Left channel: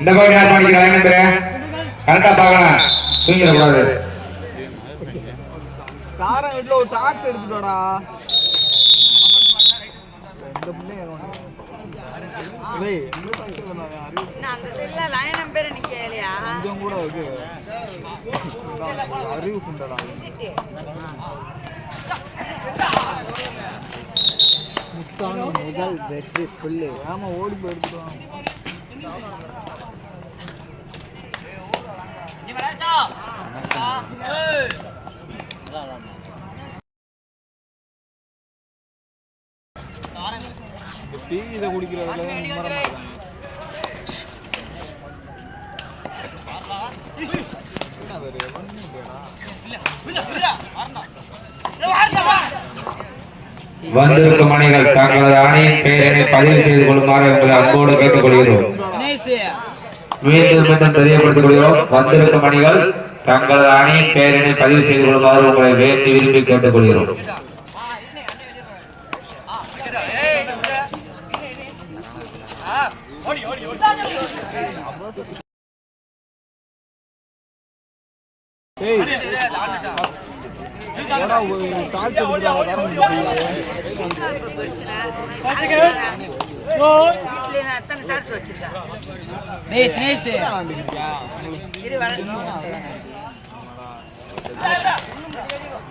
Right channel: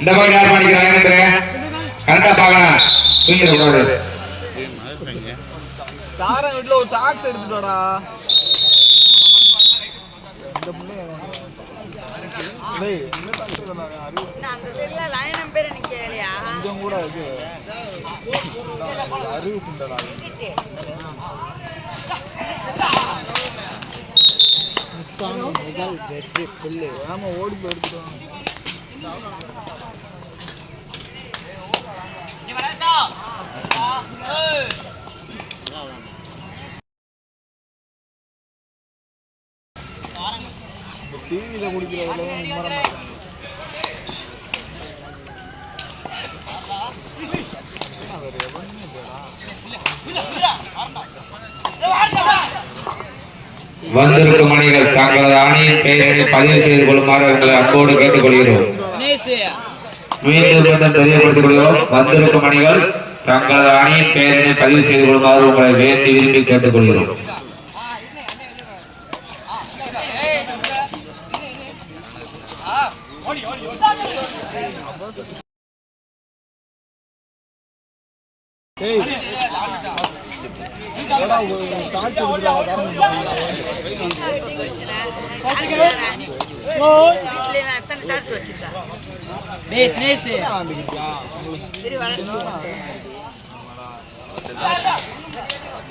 இந்த மாதிரி யார் பண்ணிக்கிற? கரெக்டா பார்க்கணும். தூங்கிட கூடாது. ஒரு சாக்ஸ் எடுத்துட்டு வாடா. இந்த பிள்ளைய டேய் என்ன சாக்ஸ் அறிவு நான் அந்த செல்ல லைன் நம்பர் எனக்கு கேளியா? கொஞ்சம் கூட இருக்கு. அறிவு குண்டடா முதல் வெற்றி புல்லு ஏமா ஓடி போய் எடுத்துட்டு டிவியில குடிக்கிறதுல தான் நிம்மரமா இருக்காங்க வந்திருக்கும் அணிகள் தங்களது அணியின் பெயரை பதிவு செய்து கொள்ளுமாறு உங்களை அன்போடு கேட்டுக்கொள்கிறோம். மீண்டும் மீண்டும் தெரியப்படுத்திக் கொள்கிறோம் வந்திருக்கும் மணிகள் தங்களது அணியின் பெயரினை பதிவு செய்து கொள்ளுமாறு உங்களை வேண்டி விரும்பி கேட்டுக்கொள்கிறோம். ஏய் ஒரு சாக்ஸ் எடுத்துட்டு வா, வரணும் வீட்டுல நான் எத்தனை சார்ஸ் வச்சிருக்கேன் டேய் தினேஷ் விளையாண்டுக்கிட்டியா?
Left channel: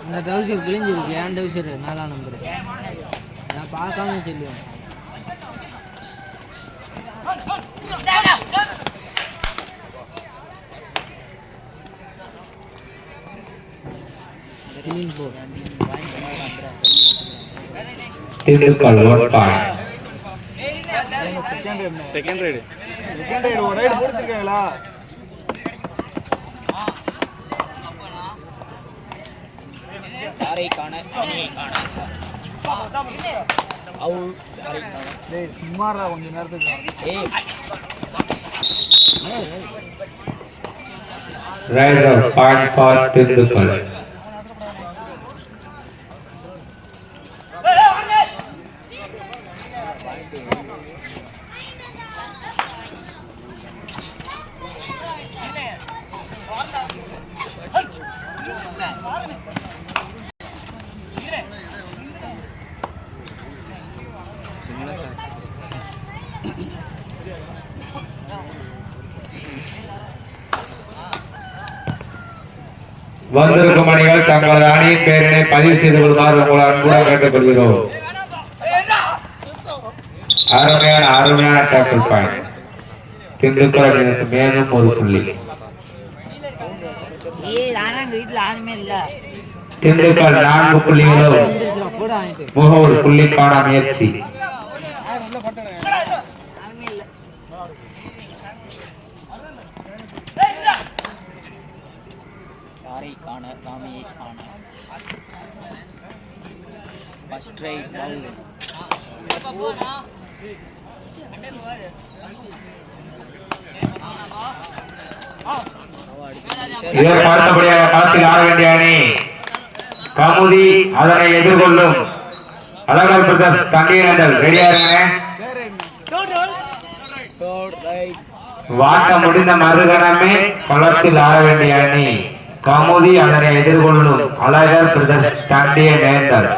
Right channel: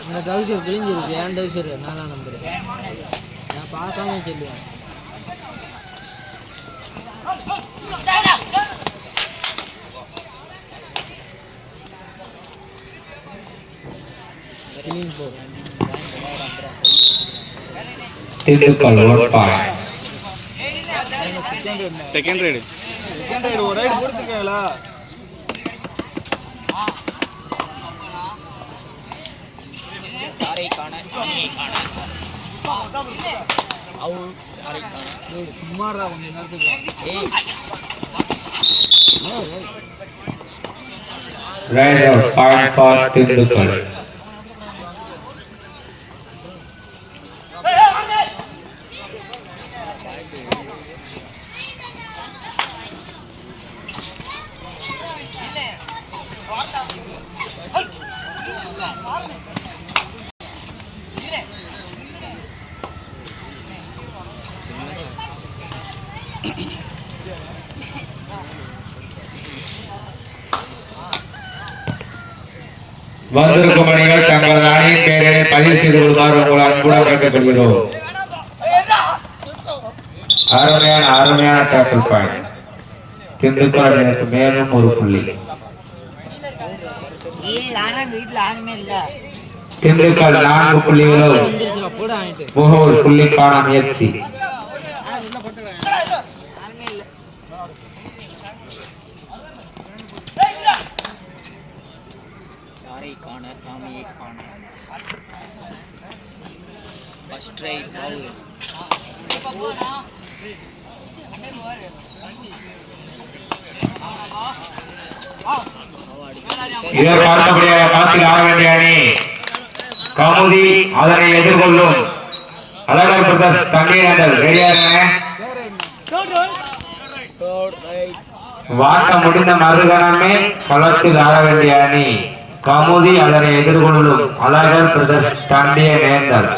இந்த டவுசர் கிழிஞ்சிருக்கு ஏன் டவுசர் நாலாம் நம்பர் நான் பார்க்காம சொல்லுவேன் கிளீன் போ Dindigul one point second raid second raid ஒரு ரைடு கொடுத்துருக்கீங்களா டேய் சும்மாடா கொஞ்ச நேரத்துக்கு raid out point for Dindigul வந்திருக்கும் மணிகள் தங்களது அணியின் பெயரினை பதிவு செய்து கொள்ளுமாறு உங்களை அன்புடன் கேட்டுக்கொள்கிறோம். அருமையான அருமையான டேக்கிள் பாயிண்ட் திண்டுக்கல் எனக்கு மேலும் ஒரு புள்ளி. ஏய் யாருமே இல்ல திண்டுக்கல் நான்கு புள்ளிகளும் வந்துருச்சுடா போட புள்ளிக்கான முயற்சி. ஃபர்ஸ்ட் ரைட் பால் இதற்கு களத்தில் ஆட வேண்டிய அணி கமுதி அதனை எதிர்கொள்ளும். அழகர் பிரதர்ஸ் தண்ணீரங்கள் ரெடியா வாட்ட முடிந்த மறுகணமே களத்தில் ஆட வேண்டிய அணி கமுதி அதனை எதிர்கொள்ளும். அழகர் பிரதர்ஸ் தண்டிய நேர்கள்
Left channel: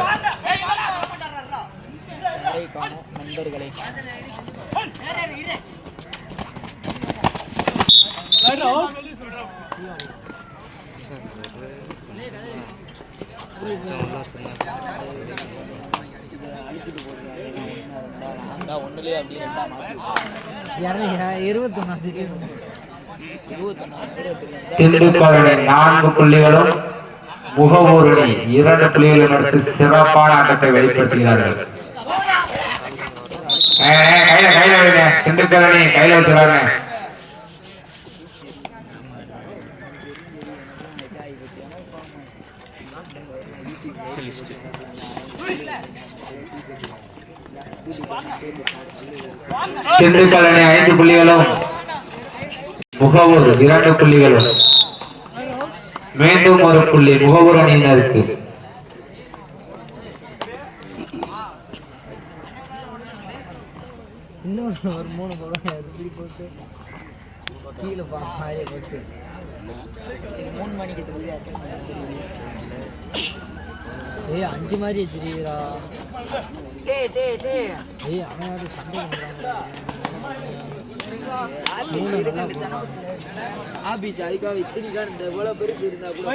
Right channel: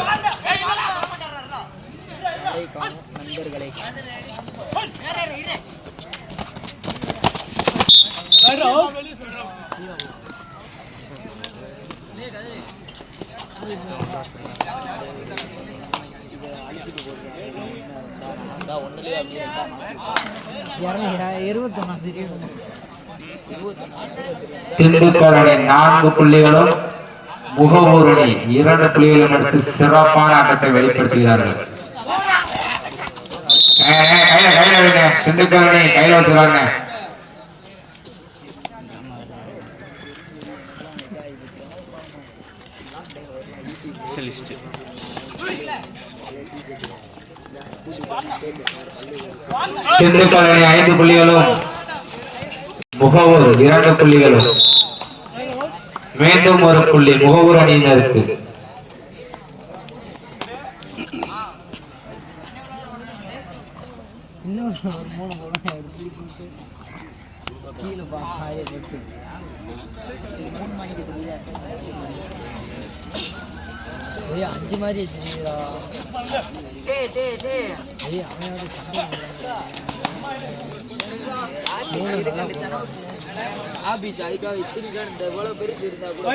நான்கு புள்ளிகளும் முகவூர் இரண்டு புள்ளிகளும் எடுத்து சிறப்பான ஆட்டத்தை வெளிப்படுத்துகிறார்கள். கையில கையில விடுங்க திண்டுக்கல் அணி கையில வச்சுக்கிறாங்க திண்டுக்கல் ஐந்து புள்ளிகளும். முகவூர் இரண்டு புள்ளிகளும். மீண்டும் ஒரு புள்ளி முகவூர் அணியினருக்கு இன்னும் ஒரு மூணு முறை இப்படி போட்டு கீழே பாய போட்டு மூணு மணிக்கு தெரியுதா ஏய் அஞ்சு மாதிரி தெரியுதா டேய் டேய் டேய் ஏய் அவனோட சண்டை ஆபீஸ் இருக்க வேண்டியதானே ஆபீஸ் அதுக்காக இத்தனைக்கான இந்த எவ்வளோ பெருசு இருந்தா கூட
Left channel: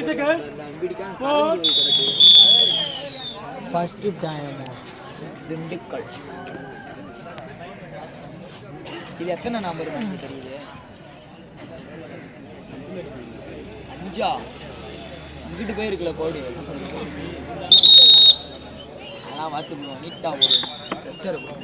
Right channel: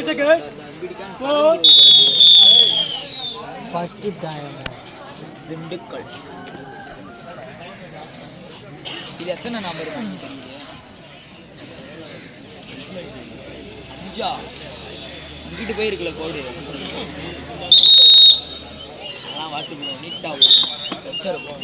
ஃபஸ்ட்டு டைம் திண்டுக்கல் இது எத்தனை நம்பர் தெரியுது அஞ்சா அங்கிட்டு போயிருக்குல கோடு அதான் பார்த்துக்கணும் நீட்டாக ஒரு டெஸ்டர் இருக்கும்.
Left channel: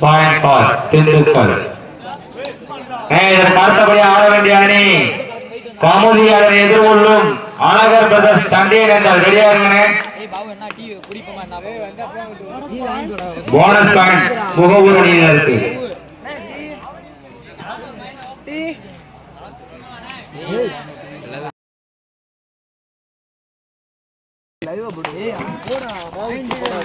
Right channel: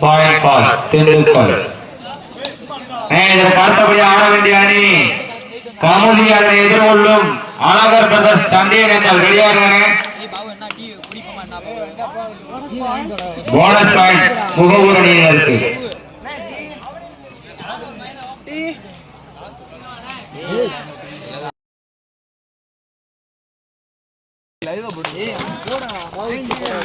பாயிண்ட் பால் திண்டுக்கல் இதற்கு அடுத்தபடி ஆட வேண்டிய அணி கமுதி அணி எதிர்கொள்ளும் அழகர் பிரதர்ஸ் தந்தையர் என்றால் ரெடியா இருங்க ஏய் பாவு என்ன போடா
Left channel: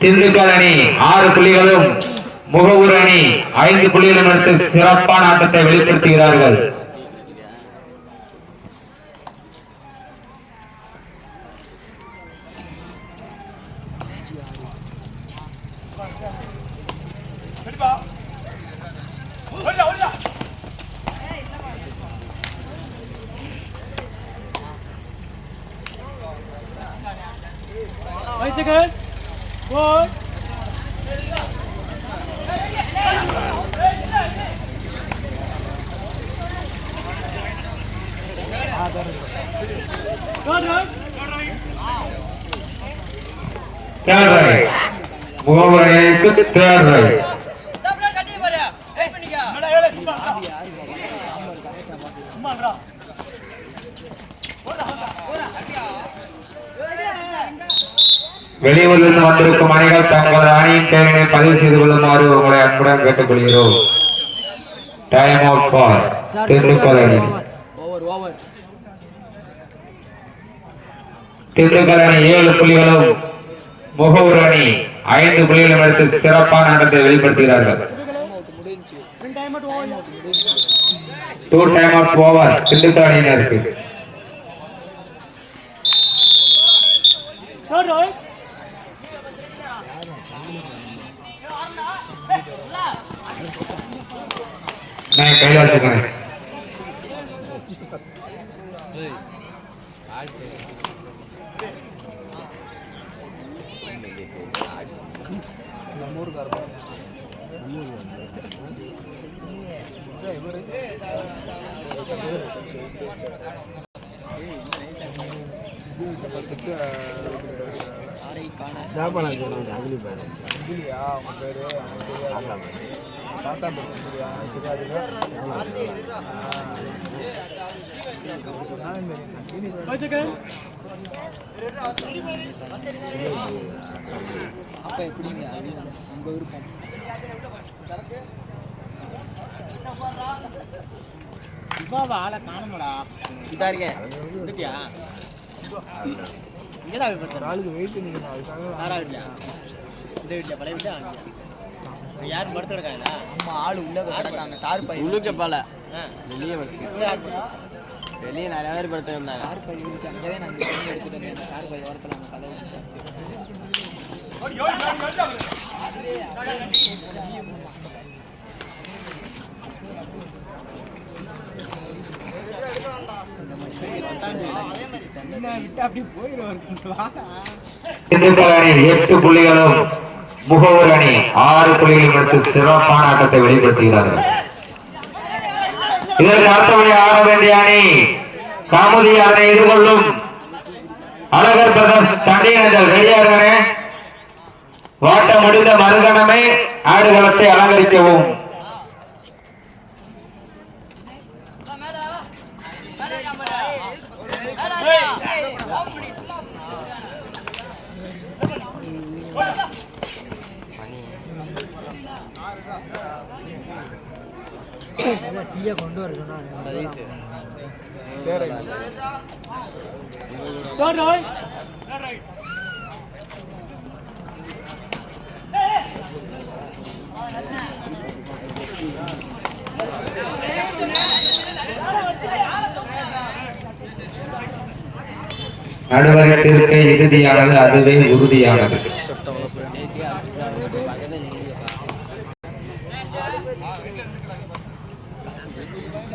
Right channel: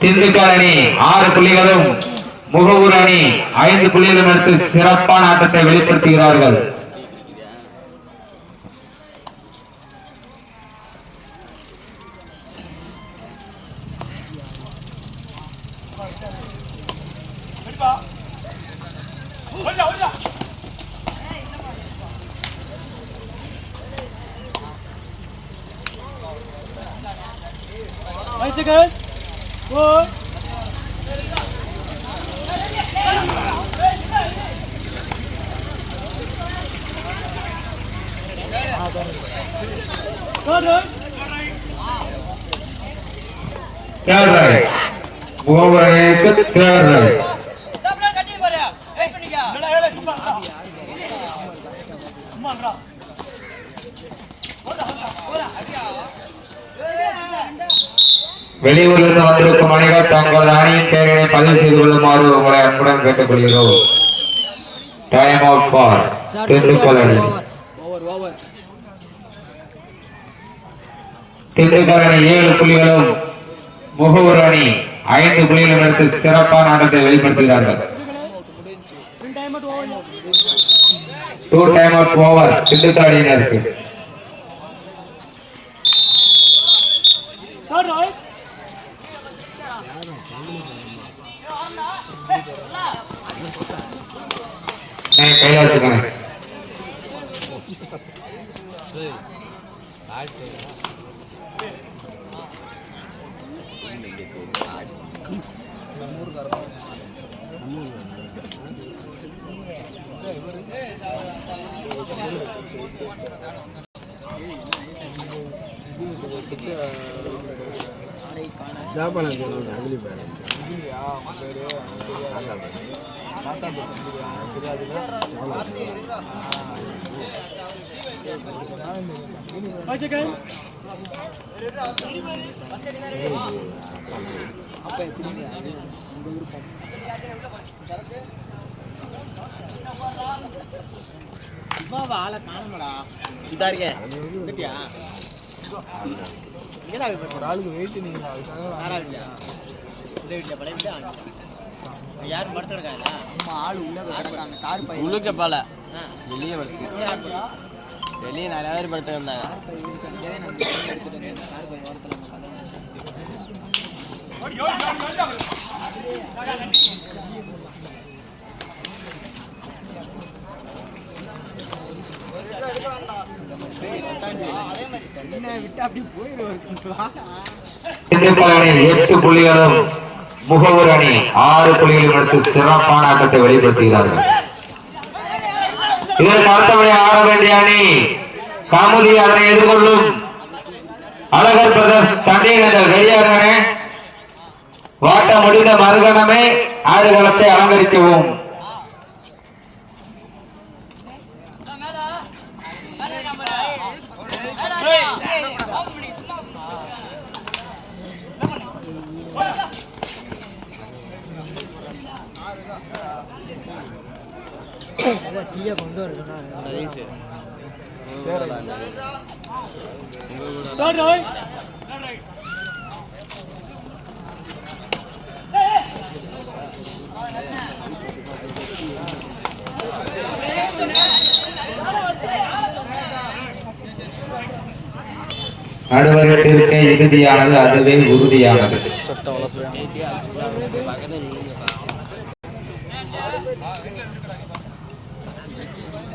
திண்டுக்கல் அணி ஆறு புள்ளிகளும் முகவூர் அணி ஐந்து புள்ளிகளும் எடுத்து சிறப்பான ஆட்டத்தை வெளிப்படுத்துகிறார்கள். பாரு வெயிட் பண்ணிக்க வெளியூரிலிருந்து வந்திருக்கும் அணிகள் தங்களது அணியின் பெயர்களை பதிவு செய்து கொள்ளுமாறு உங்களை அன்புடன் கேட்டுக்கொள்கிறோம். டைம் அவுட் ஃபார் திண்டுக்கல் அணி திண்டுக்கல் அணி ஏழு புள்ளிகளும் முகவூர் அணி ஐந்து புள்ளிகளும் எடுத்து சிறப்பான ஆட்டத்தை வெளிப்படுத்துகிறார்கள். Two time out over Dindigul அணியினருக்கு கையில் வச்சுக்கிறேன் இல்லையா உன் பேரு தாத்தா பேரு தாத்தா பேரு இல்லையா ஆளை காணுமடா இதா இருக்க ஒரு ஆளுக்கு வெயிட் நீங்க அதுக்காக இந்த வீட்டில் பழைய வீட்டில் யார் ஆள் பை உள்ளுக்க வெளியே வருது வெளியே நிறைய பேர் படுத்திருந்தாங்க. பை எடுத்துட்டு பை இடத்துல எட்டு புள்ளிகளும் முகவர் அணி ஆறு புள்ளிகளும் எடுத்து சிறப்பான ஆட்டத்தை வெளிப்படுத்துகிறார்கள். இதற்கு அடுத்தபடி ஆட வேண்டிய அணி காமதி அதனை எதிர்கொள்ளும் அழகர் பிரதர்ஸ் தண்டையினர்கள் வெளியாருங்க வாட்டம் முடிந்த மறுகணமே ஆடுகளத்தை அலங்கரிக்கவும். கொண்டு வர சொன்னாங்க சதீஷ் நடுவரத்திற்கு இறுதியானது அதுவே உறுதியானது.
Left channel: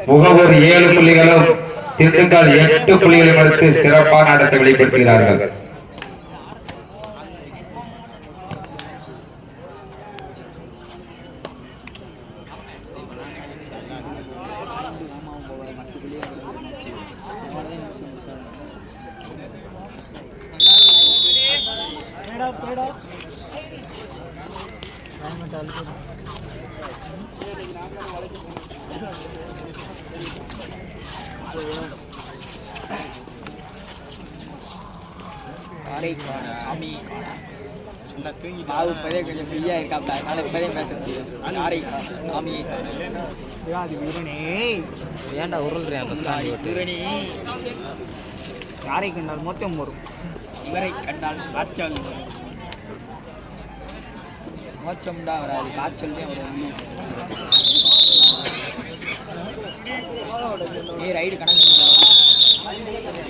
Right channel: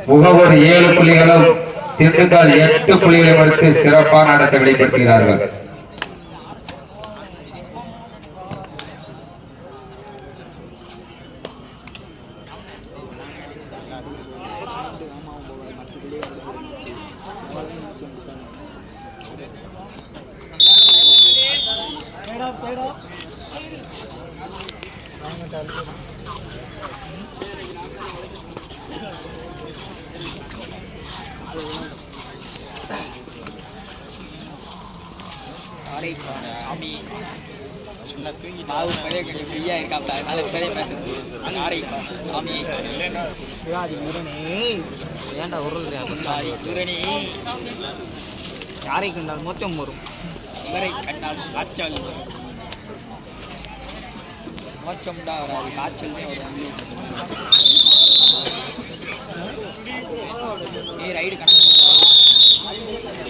முகவர் ஏழு புள்ளிகளும் திண்டுக்கல் எட்டு புள்ளிகளை மறுத்து சிறப்பான ஆட்டத்தை வெளிப்படுத்துகிறார்கள். சொன்ன தூங்கி நாலு பேரே கொஞ்சம் ஃப்ரீயாக இருக்காப்ல அதனால பேரே பேச முடியாது நாரை சாமி ஏன்டா உருள்றேன் சூரணி யாரை கண்டால் மொத்தம் வரும் இவரை கண்டால் காய்ச்சல் மோச்சம் தான் வராது காய்ச்சல் தான் வரும் ரைடு கணக்கு.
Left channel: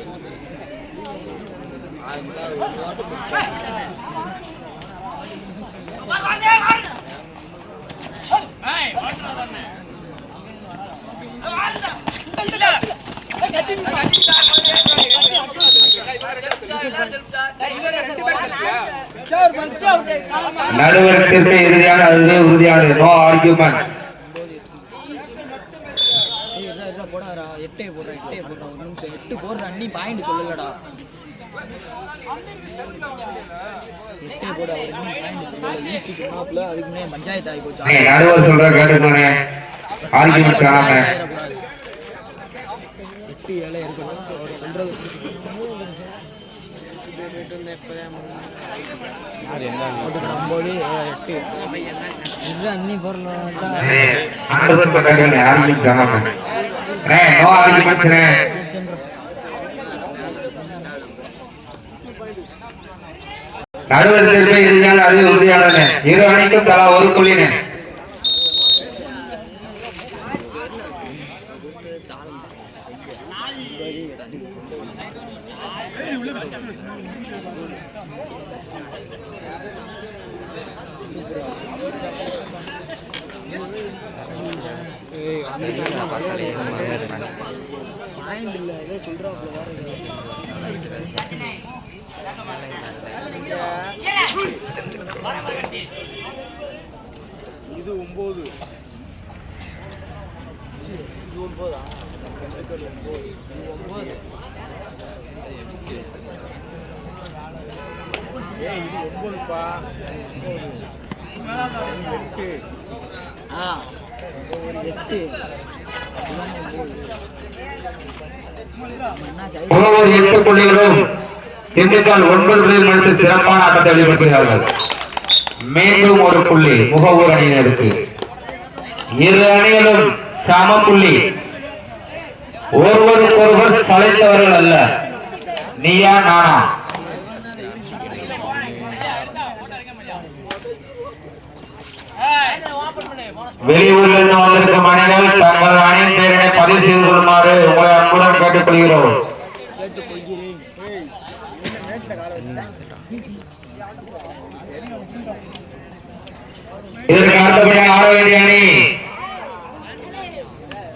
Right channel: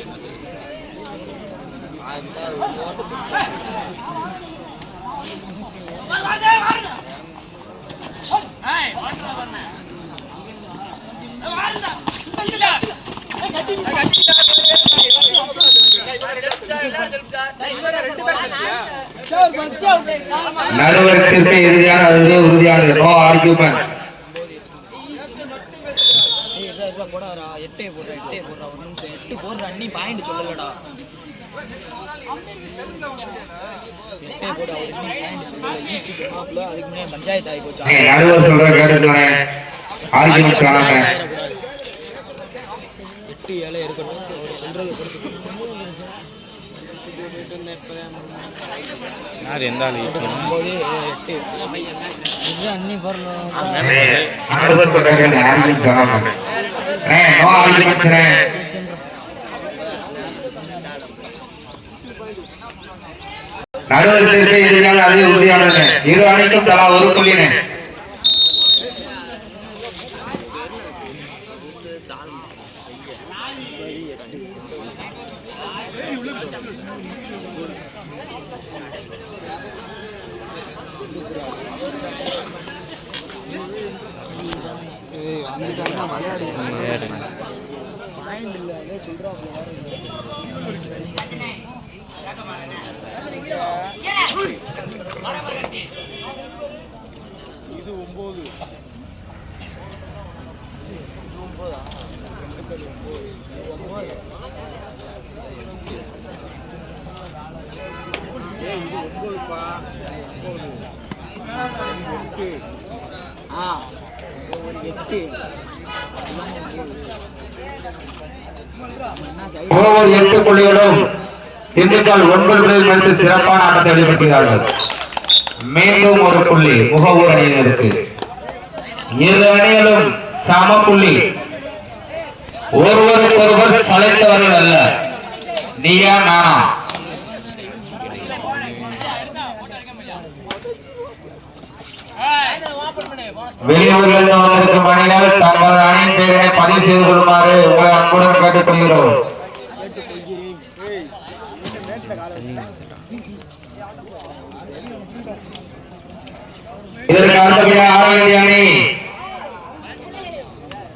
நடுவரத்திற்கு இறுதியான அதுவே உறுதியானது நோ ஆர்கியூமெண்ட் போடாரா எட்டே போடுற எட்டே போடுற எட்டு போடுற அண்ணி பாயிண்ட் சொல்லலடா. நடுவர் சொல்ற கேட்டுக்கோங்க ஆர்கியூமெண்ட் காணாம. எட்டு ஏழை இருக்கணும். அவர் சொல்றது ஒன்பது எட்டு. இதுதான் அன்னி பொருள். ஆர்கியூமெண்ட் காணாம. நோ ஆர்கியூமெண்ட்ஸ் நடுவரத்திற்கு இறுதியான அதுவே உறுதியானது இரு அணிக்கும் தலா ஒரு புள்ளினு. ஒரு எட்டு ஒவ்வொரு எட்டு புள்ளிகளும் திண்டுக்கல் ஒன்பது பிள்ளைகள் எடுத்து சிறப்பான ஆட்டத்தை வெளியிட்டிருக்கிறார்கள் மேலும் ஒரு புள்ளி முகவூர் அணியினருக்கு இரு அணிகளும் சம புள்ளி. ஒருவருக்கொருவர் சளைத்தவர்கள் அல்ல. நீயா நானா? வெளியூரிலிருந்து வந்திருக்கும் அணிகள் தங்கள் அணியின் பெயரினை பதிவு செய்து கொள்ளுமாறு உங்களை அன்புடன் கேட்டுக்கொள்கிறோம். இதற்கு அடுத்தபடியாக ஆட அணி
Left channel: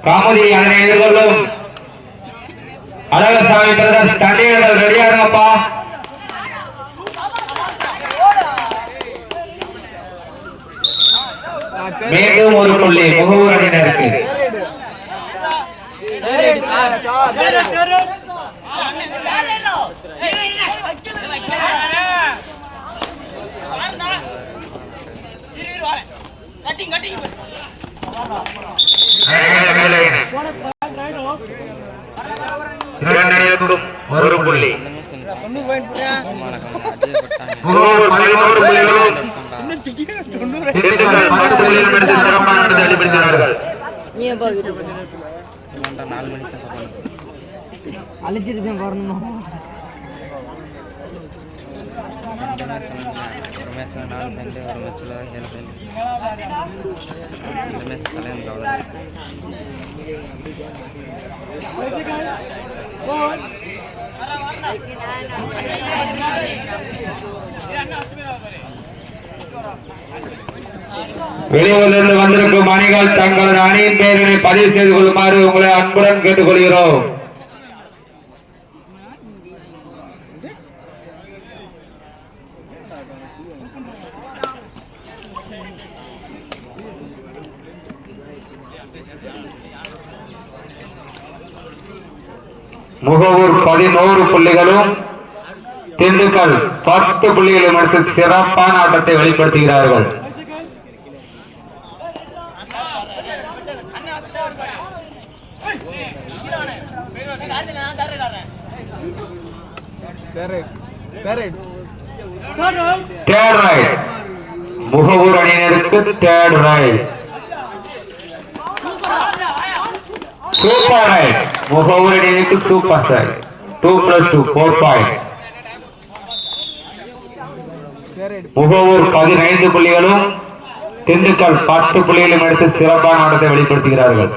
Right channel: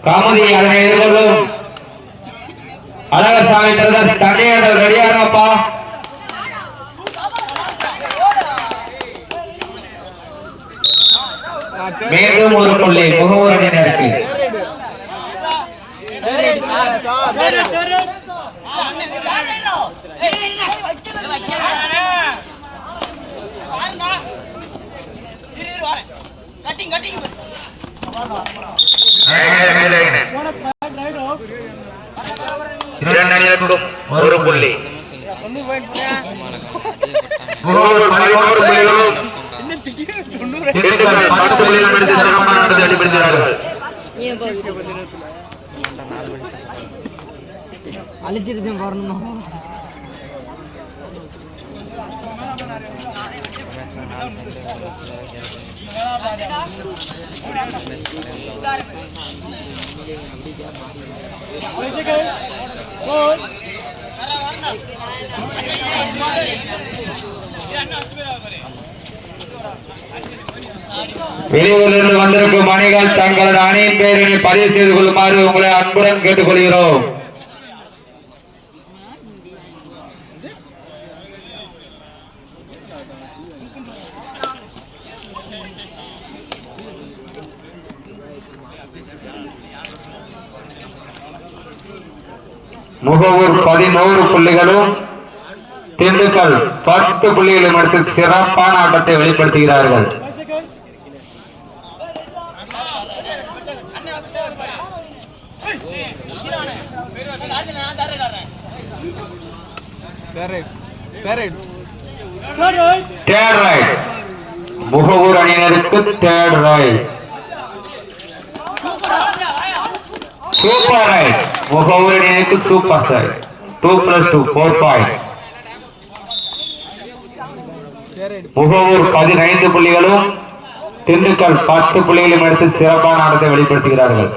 காமதி அதனை எதிர்கொள்ளும். அழகசாமி பிரதர்ஸ் தண்ணிகள் ரெடியானப்பா மீண்டும் ஒரு புள்ளி முகவர் அணியினருக்கு கட்டிங் கட்டிங் இரண்டு அணியினருக்கும் ஒரு புள்ளி முகவர் பதினோரு புள்ளிகளும் திண்டுக்கல் பத்து புள்ளிகளும் எடுத்து சிறப்பான ஆட்டத்தை வெளிப்படுத்துகிறார்கள் அழைச்சிட்டு தான் வரணுமா வெளியூரிலிருந்து வந்திருக்கும் அணிகள் தங்களது அணியின் பெயரினை பதிவு செய்து கொள்ளுமாறு உங்களை அன்புடன் கேட்டுக்கொள்கிறோம். முகவூர் பதினோரு புள்ளிகளும் திண்டுக்கல் பத்து புள்ளிகளை மறுத்து சிறப்பான ஆட்டத்தை வெளிப்படுத்துகிறார்கள். ரைட் முகவூர் அணியினருக்கு third raid super raid Mugavur அணியினருக்கு super raid two plus two four point Mugavur பதினைந்து புள்ளிகளும் திண்டுக்கல் பத்து புள்ளிகளும் எடுத்து சிறப்பான ஆட்டத்தை வெளிப்படுத்துகிறார்கள்.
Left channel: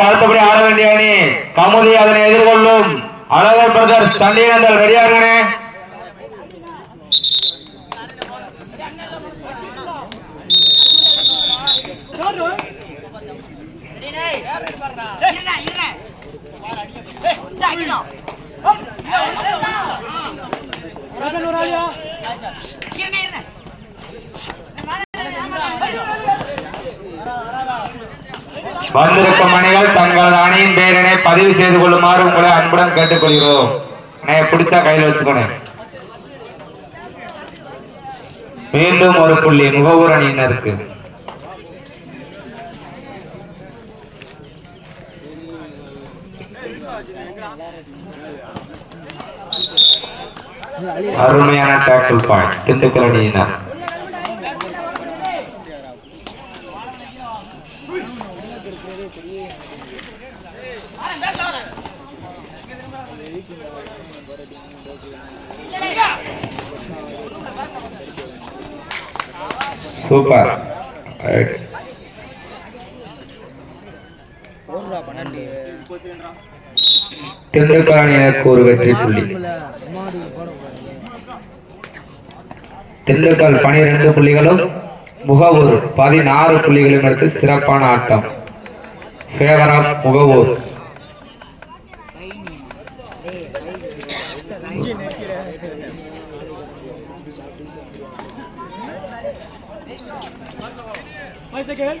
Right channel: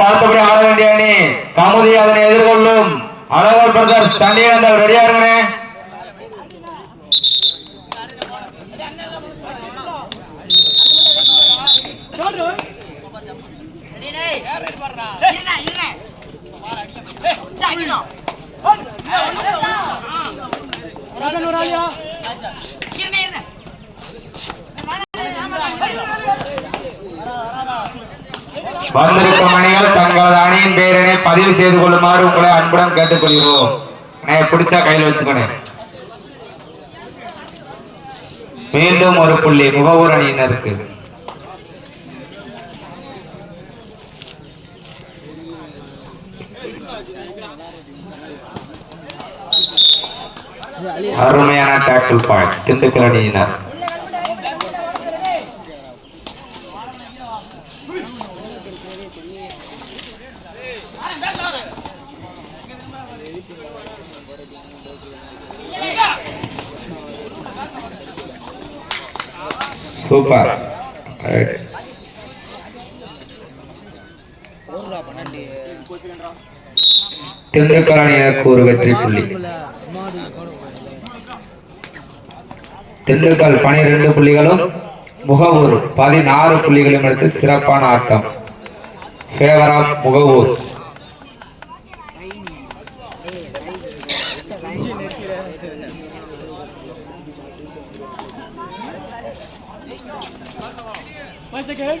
பார்த்தபடி ஆட வேண்டிய அணி கமுதி அதனை எதிர்கொள்ளும். அழகர் பிரதர் தண்ணியந்தல் ரெடியாருங்க வந்திருக்கும் அணிகள் தங்களது அணியின் பெயரினை பதிவு செய்து கொள்ளுமாறு உங்களை அன்புடன் கேட்டுக்கொள்கிறோம். பிடிச்சா கையில் வச்சுக்கணும் மீண்டும் ஒரு புள்ளி முகவூர் அணியினருக்கு. அருமையான டேக்கிள் பாயிண்ட் திண்டுக்கல் அணியினர். சூப்பர். ரைட். திண்டுக்கல் அணியினருக்கு ஒரு வெற்றி புள்ளி. திண்டுக்கல் பனிரெண்டு புள்ளிகளும் முகவூர் பதினாறு புள்ளிகளும் எடுத்து சிறப்பான ஆட்டம். ஃபேவர் ஆஃப் முகவூர் நான் வந்து விளாட வச்சு இனிமேல் தான் என்ட்ரன்ஸ் பண்ணுறேன் லாஸ்ட்டாக தான்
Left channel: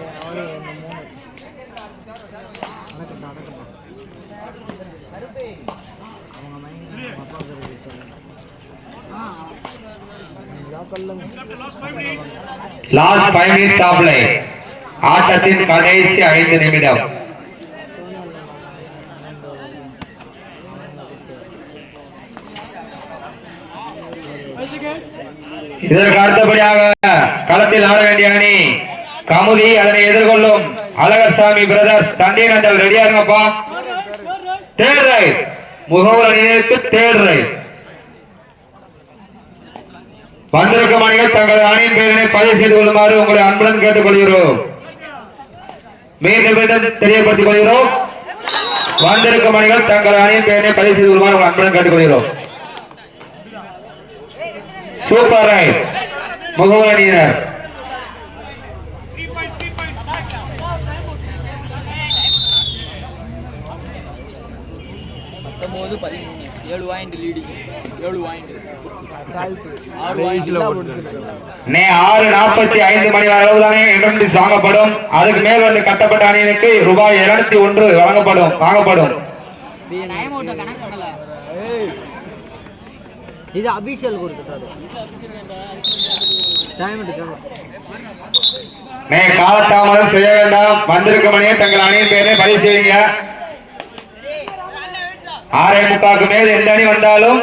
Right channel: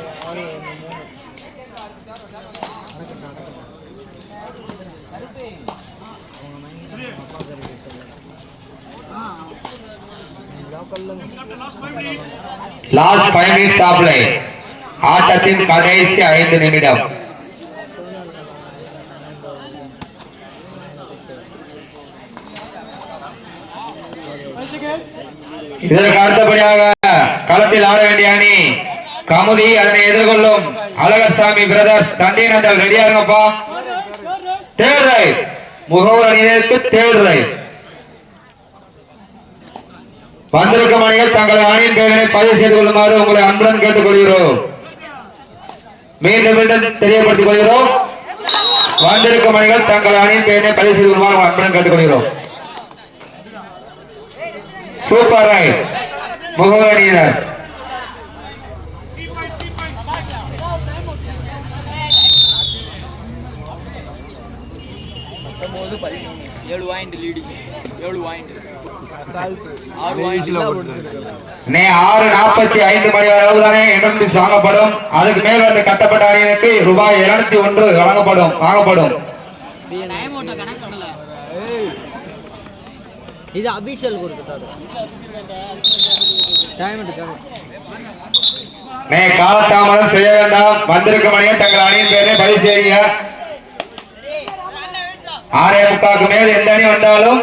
லாஸ்ட் ஃபைவ் மினிட்ஸ் ஆஃப் லை ஆட்டத்தின் கடைசி ஐந்து நிமிடம். இதற்கு அடுத்தபடியாக களத்தில் ஆட வேண்டிய அணி கமுதி. அதனை எதிர்கொள்ளும் அழகசாமி பிரதர்ஸ் தந்தை ரெடியா இருங்கப்பா. தேர் ரைட் முகவர் அணியினருக்கு தேர் ரைட் வந்திருக்கும் அணிகள் தங்களது அணியின் பெயரை பதிவு செய்து கொள்ளுமாறு உங்களை அன்புடன் கேட்டுக்கொள்கிறோம். மீண்டும் மீண்டும் தெரியப்படுத்திக் கொள்கிறோம். வந்திருக்கும் அணிகள் தங்கள் அணியின் பெயரை பதிவு செய்து கொள்ளுமாறு உங்களை அன்புடன் கேட்டுக்கொள்கிறோம். சூப்பர் ரைட் முகவர் அணியினர் ஏழு வாயிண்ட் லீடு ஏழு வாயிண்ட் ஆறு நாற்பத்தி ஐந்து மணி அளவுதானே இரண்டு வாங்கப்படும் அதுக்கு மேல் வந்து கட்டப்பட்ட அணியினருக்கு ரூபாய் இருநூத்தி ஒன்று வழங்கப்படும் வாங்கப்படும். இது அபிஷியல் கொடுத்துட்டாரு. செய்ய வேண்டாம். வந்திருக்கும் அணியை தங்கள் அணியின் பேரை பதிவு செய்யுங்க. ஆறே முக்காக்கு மேல் எந்த அணி வந்தாலும்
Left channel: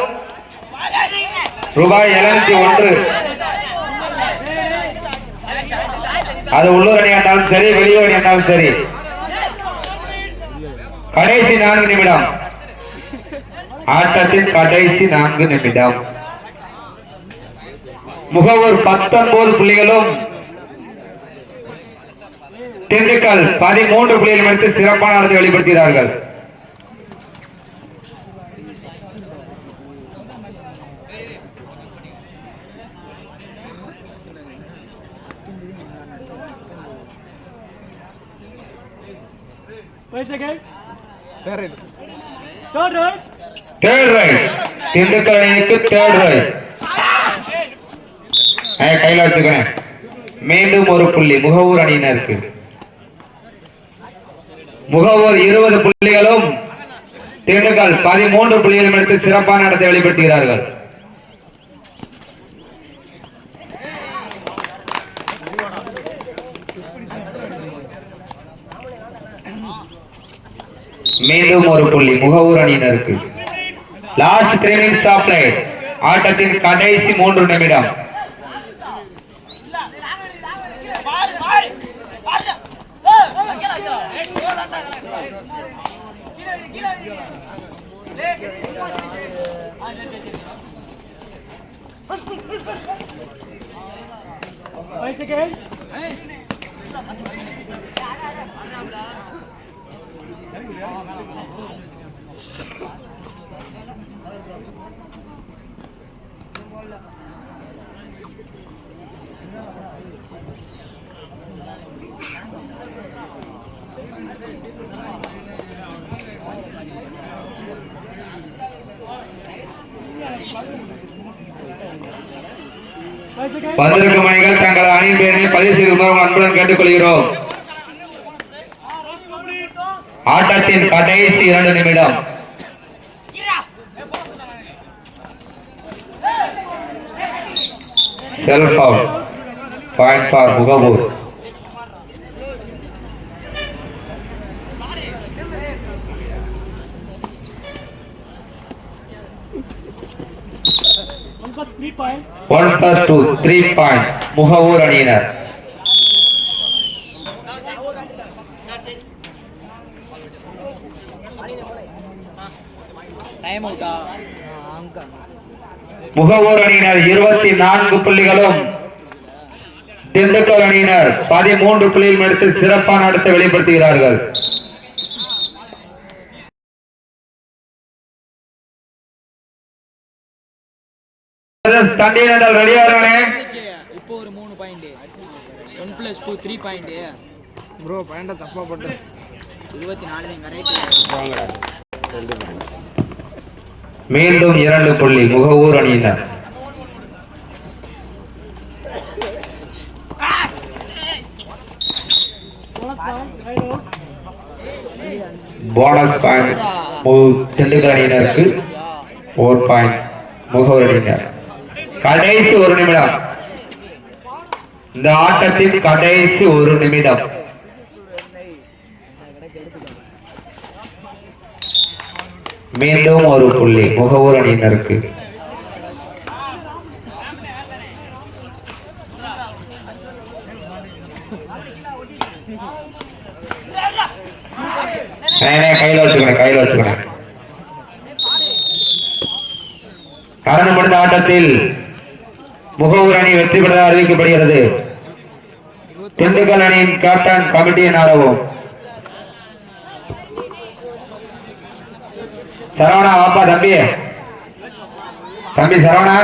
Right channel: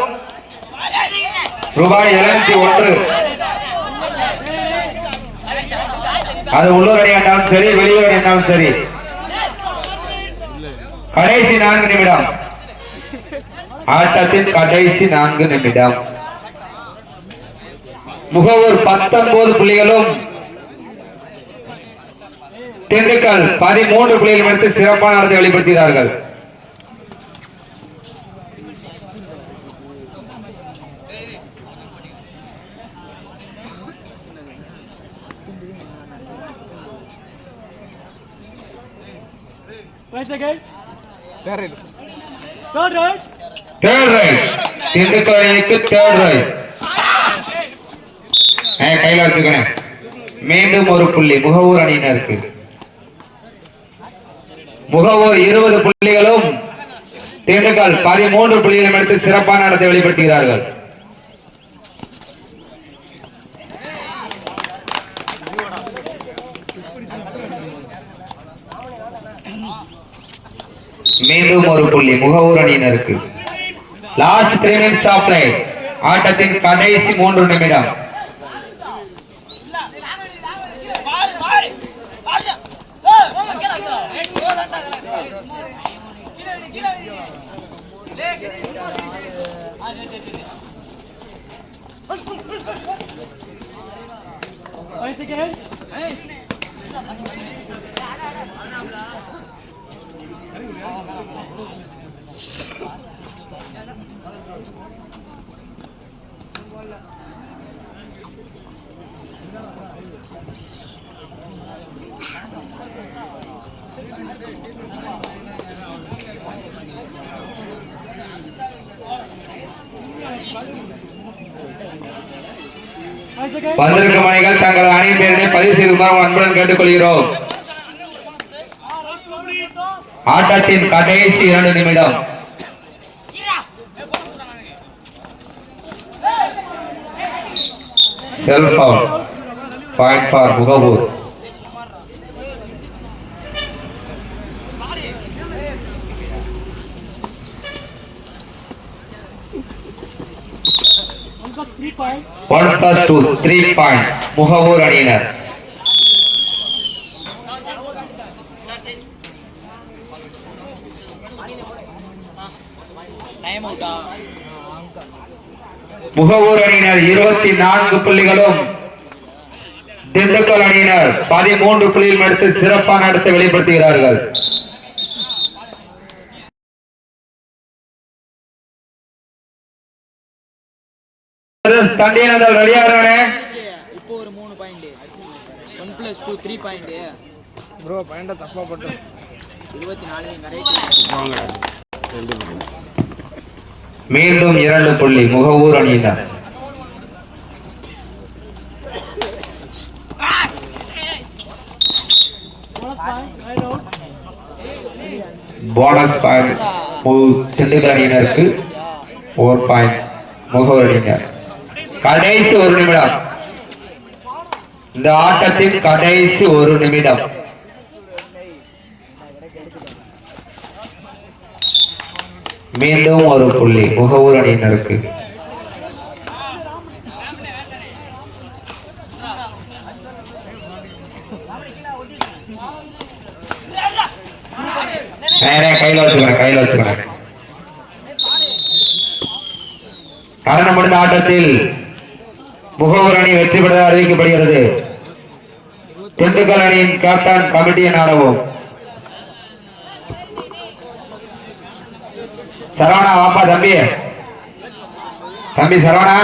ரூபாய் இருநூத்தி ஒன்று. அது உள்ளூர் அணியாண்டாலும் சரி வெளியூர் அணியாண்டாலும் சரி. கடைசி நான்கு நிமிடம். ஆட்டத்தின் கடைசி நான்கு நிமிடம். முகவூர் பத்தொன்பது புள்ளிகளும் திண்டுக்கல் பதிமூன்று புள்ளிகள் எடுத்து சிறப்பான வெளிப்படுத்தினார்கள். தேர்ட் ரைட் திண்டுக்கல் அணிக்கு தேர்ட் ரைட் கையில வச்சுக்கணும் மீண்டும் ஒரு புள்ளி. முகவூர் அணியினருக்கு. முகவூர் இருபது புள்ளிகளும் திண்டுக்கல் பதிமூன்று புள்ளிகளும் எடுத்து சிறப்பான நடத்தை வெளிப்படுத்துகிறார்கள். மீண்டும் ஒரு புள்ளி. முகவூர் அணியினருக்கு லாஸ்ட் த்ரீ மினிட்ஸ் ஆஃப் ஆட்டத்தின் கடைசி மூன்று நிமிடம் பாரு பாரு பாரு ஏய் அங்கல அங்கல ஏய் தாண்டா கீழ வை, கீழ வை. லே கீழ சும்மா சரி ஆ சரி சரி சரி பதினெட்டு மணிகள் தங்கள் அணி பெயரை பதிவு செய்து அன்புடன் கேட்டுக்கொள்கிறோம். ஆட்டத்தின் கடைசி இரண்டு நிமிடம். Self point for Mugavur one plus two three point Mugavur அணியினர் முகவூர் அணியினர் இருபத்தி நான்கு புள்ளிகளும். திண்டுக்கல் அணியினர் பதிமூன்று புள்ளிகளும் எடுத்து சிறப்பான நடத்தை வெளிப்படுத்துகிறார்கள். ரெடியா இருக்கானே? இப்போ ஒரு மூணு point one plus two three point bro பாயிண்டை தப்பாக போட்டு இருபத்தி நாலு நீங்கள் மீண்டும் இரண்டு புள்ளி. முகவூர் அணியினர் போனஸ் பாயிண்ட் திண்டுக்கல் அணியினருக்கு ஒரு பாயிண்ட் முகவூர் அணியினர். கடைசி ஒரு நிமிடம். இந்த ஆட்டத்தின் கடைசி ஒரு நிமிடம். மீண்டும் ஒரு புள்ளி. முகவூர் அணியினருக்கு. கையில வச்சுக்கிறேன் கையில வச்சுக்கிறேன் காரணம் முடிந்த ஆட்டத்தில் முகவர் அணி வெற்றி பெற அறிவிக்கப்படுகிறது. திண்டுக்கல் அணியின் கேப்டன் கமிட்டியின் நாடவும் சரவணா ஆப்பா தம்பி. தம்பி சரவணா.